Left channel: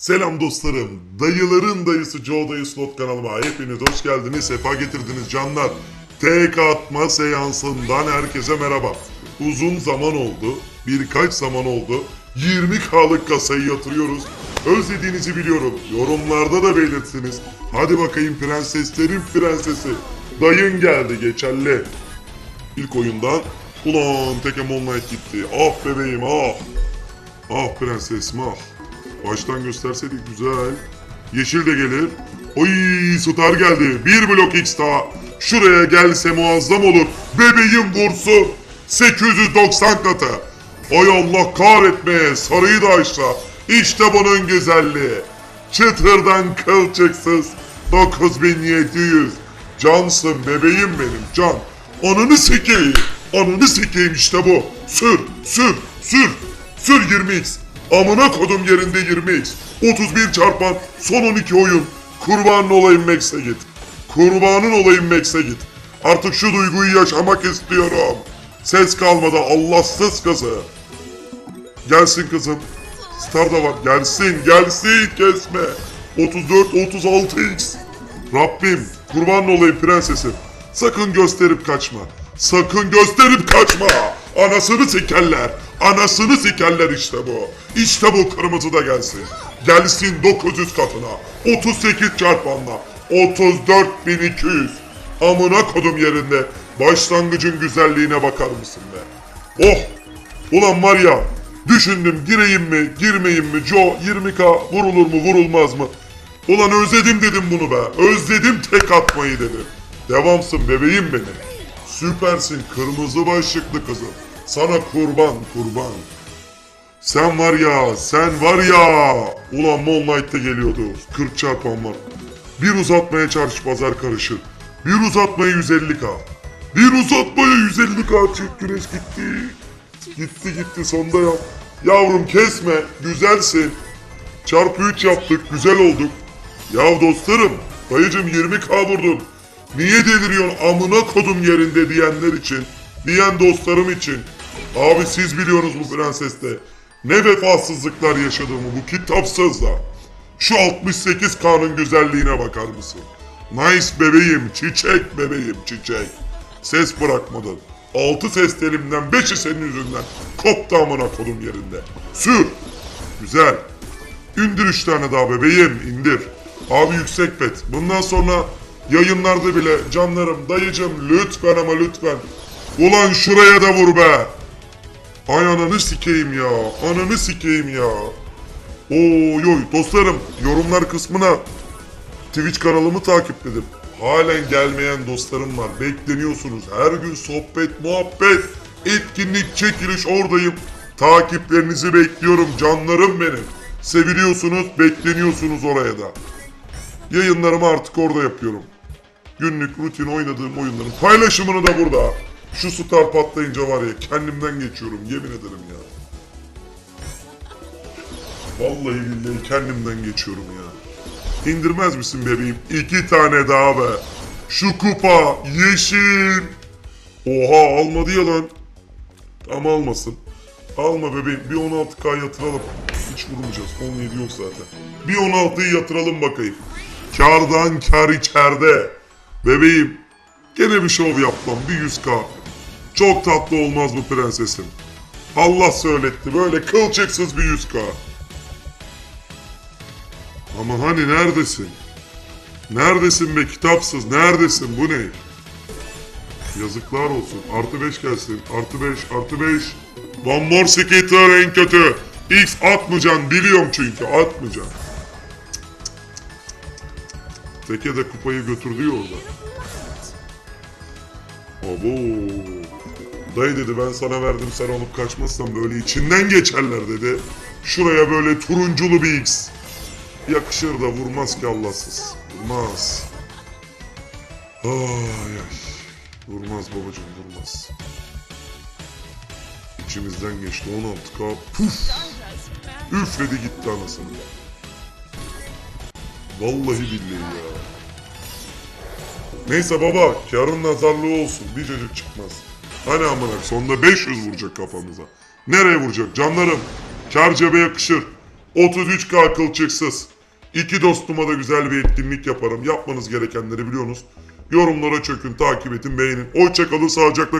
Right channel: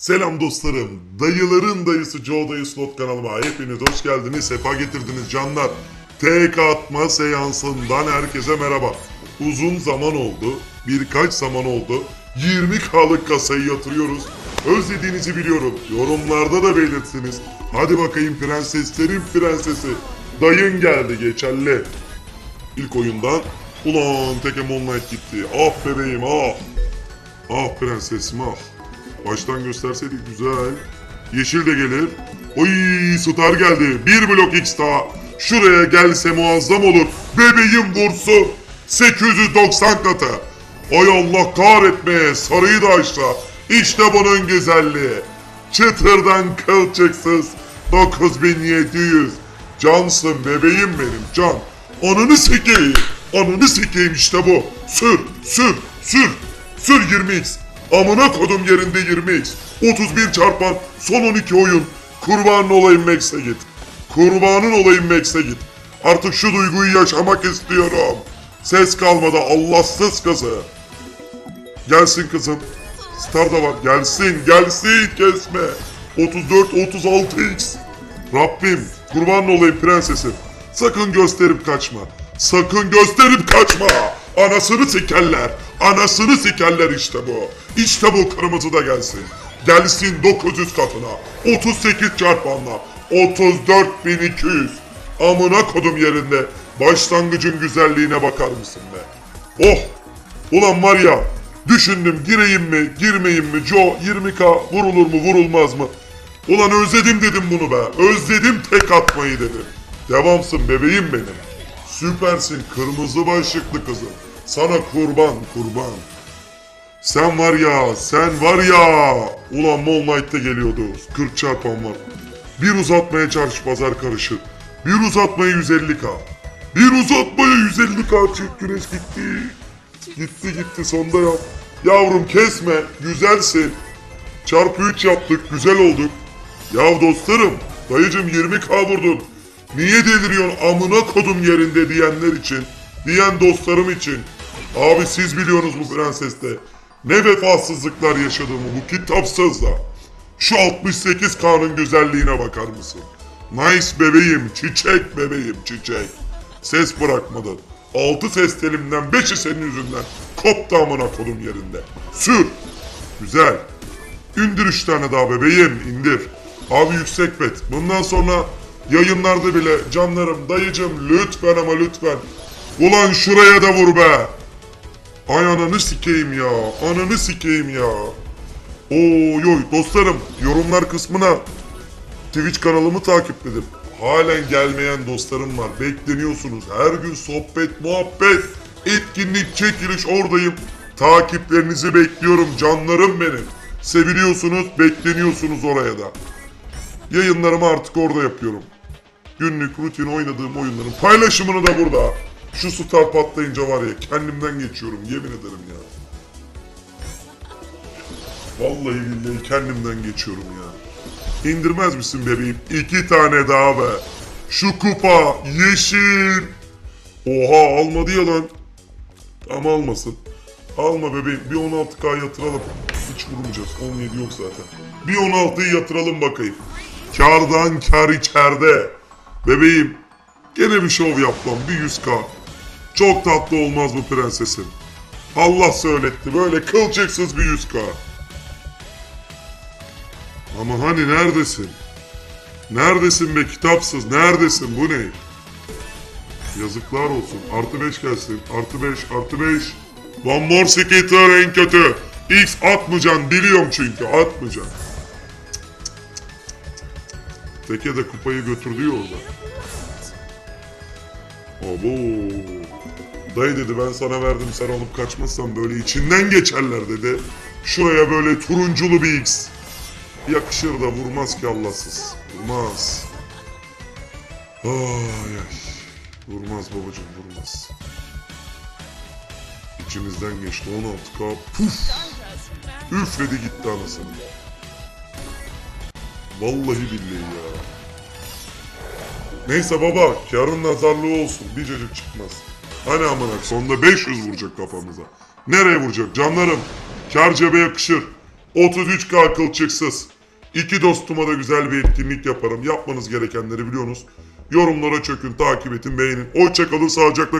Selam dostlarım. Dayıların dayısı Joe Dayı Slot kanalıma hepiniz hoş geldiniz. Sefa getirdiniz canlar. Tek atma seansından herkese merhaba. Uzun zaman oldu. Birkaç zaman oldu. 20K'lık kasayı yatırıyoruz. Özlediğinizi biliyorum. Yorumlarda da belirtsiniz. Hadi bakayım prenseslerin prensesi. Dayın geldi geçerli. İlk oyunda ulan Tekem Online gitti. Bebeğim ah. Ah prensesim ah. Baştan gösterseydik güzel. Yeşil de gelir. Oy star geldi. Bir blok X daha. Şuraya gelse muazzam olur. Bebeğim vursun. 890 katı. Ay Allah kahretmeye sarıyı da aşağı. İşte bunun güzelliği. Çıtırdan kılçıksız. 9700. Cansın bebeğim benim can. Ananı sikeyim. Ananı sikeyim işte bu. Sür, sür, sür. Sür 20x. Amına kodum yerinde 20x. 31 çarpan son 12 oyun. Kurbanın olayım Max'e git. Kurbanın olayım Max'e git. Artık şu duyguyu yaşamak istiyorum. Ses kalmadı Allahsız kızı. Gelsin kızım. Star da var. Gelsin, gelsin kesme. 34, 36x. Rabbim, kurban olayım prensesim. Sakın gösterip kaçma. Sakın gösterip kaçma. Anasını sikerler. Anasını sikerler işte bu. İşte bu kırmızı da gelsin. Gelsin 900 katına. 38 çarpanla. 34.200. Amına kodum yerinde. Başlangıcın güzelliğine bakar mısın be? Oh! Ulan var ya, düşündüm gireyim mi, girmeyeyim mi, Joe 20k vurulur mu, vurulmaz mı? Ulan özledim dedim bunu be, özledim tek atmayı dedim. Devamsın bebeğim benim. Süpersin kırmızı başlıklı kızım. Sana kurban, kurban. Sen var ya, sen var ya. Ulan Moonlight'ta geliyordu. 40 çarpan var. Bir uzatmaya çarşı pazar karışır. Bir uzatmaya 150k. Bir uzatmaya 150k çift güneş gitti. Gitti gitti sonda yap. Yavrum kesme, güzelsin. Çarpı 3 yaptık, güzel olduk. Ya dostlarım, dayıcım 20k vurdum. Niye deliriyorsun amına kodum yerinde diyenler için, diyen dostlarım için. Abi siz biliyorsunuz bu prenseste. Ne vefasızlıklar yaşadığımı bu kitapsız da. Şu 68K'nın güzelliğine bakar mısın? Nice bebeğim, çiçek bebeğim, çiçek. Ses bırakmadın. Altı ses telimden beşi senin yüzünden. Koptu amına kodum yerinde. Sür. Güzel. İndir üç tane daha bebeğim, indir. Abi yüksek bet. Bundan sonra yayınlarda bile canlarım, dayıcım lütfen ama lütfen. Ulan şuraya da vur be. Ay ananı sikeyim ya. Ananı sikeyim ya. Oy oy dostlarım yorumlar kısmına Twitch kanalımı takipledim. Halen gelmeyen dostlarım var. Bekleniyorsunuz. Her gün sohbet, muhabbet, etkinlik, çekiliş oradayım. Takiplerinizi bekliyorum canlarım benim. Seviliyorsunuz, bekleniyorsunuz oraya da. Yayınlarımı artık orada yapıyorum. Günlük rutin oynadığım oyunların paylaşımını da burada. Şu star patlayınca var ya kendimden geçiyorum yemin ederim ya. Vallahi billahi kendimden geçiyorum ya. İndirmez misin bebeğim? İki tane daha be. Şu kupa yeşil. Oha almadı ya lan. Ama almasın. Alma bebeğim bir 16k yatıralım. Hiç vurmayacağız 17 yok zaten. Bir 16'yı yatıralım bakayım. Kardan kar içeride. Bebeğim gene bir şov yaptım bir 100k. Çok tatlı olmaz mı prensesim? Allah söyletti böyle kılçıksız bir 100k. Ama hani neredesin? Neredesin be kitapsız? Neredesin? Bu ne? Yazıklar olsun. Artı 5 gelsin. Artı 5, artı 5. One more skitter en kötü. X atmayacaksın. Biliyorum çünkü. Atmayacaksın. Teke de kupayı götürdü ya orada. Abo. Dayı dedi ben sana verdim sen alıp kaçmazsan böyle içinden geçerler dedi. Şuraya böyle turunculu bir X. Yakışır da vurmaz ki Allahsız. Vurmaz. Ay ay. Vurmaz babacım vurmaz. İçimizden geçti 16 k. Puf. Üfledi gitti anasını. Vallahi billahi ya. Neyse baba, yarın nazarlı olsun. Bir çocuk çıkmaz. Hani amına sonunda 500 vuracak kafamıza. Nereye vuracak canlarım? Kar cebe yakışır. 33K kılçıksız. İki dostuma da güzel bir etkinlik yaparım. Yapmanız gerekenleri biliyorsunuz. Yorumlara çökün, takip edin, beğenin. Hoşçakalın, sağlıcakla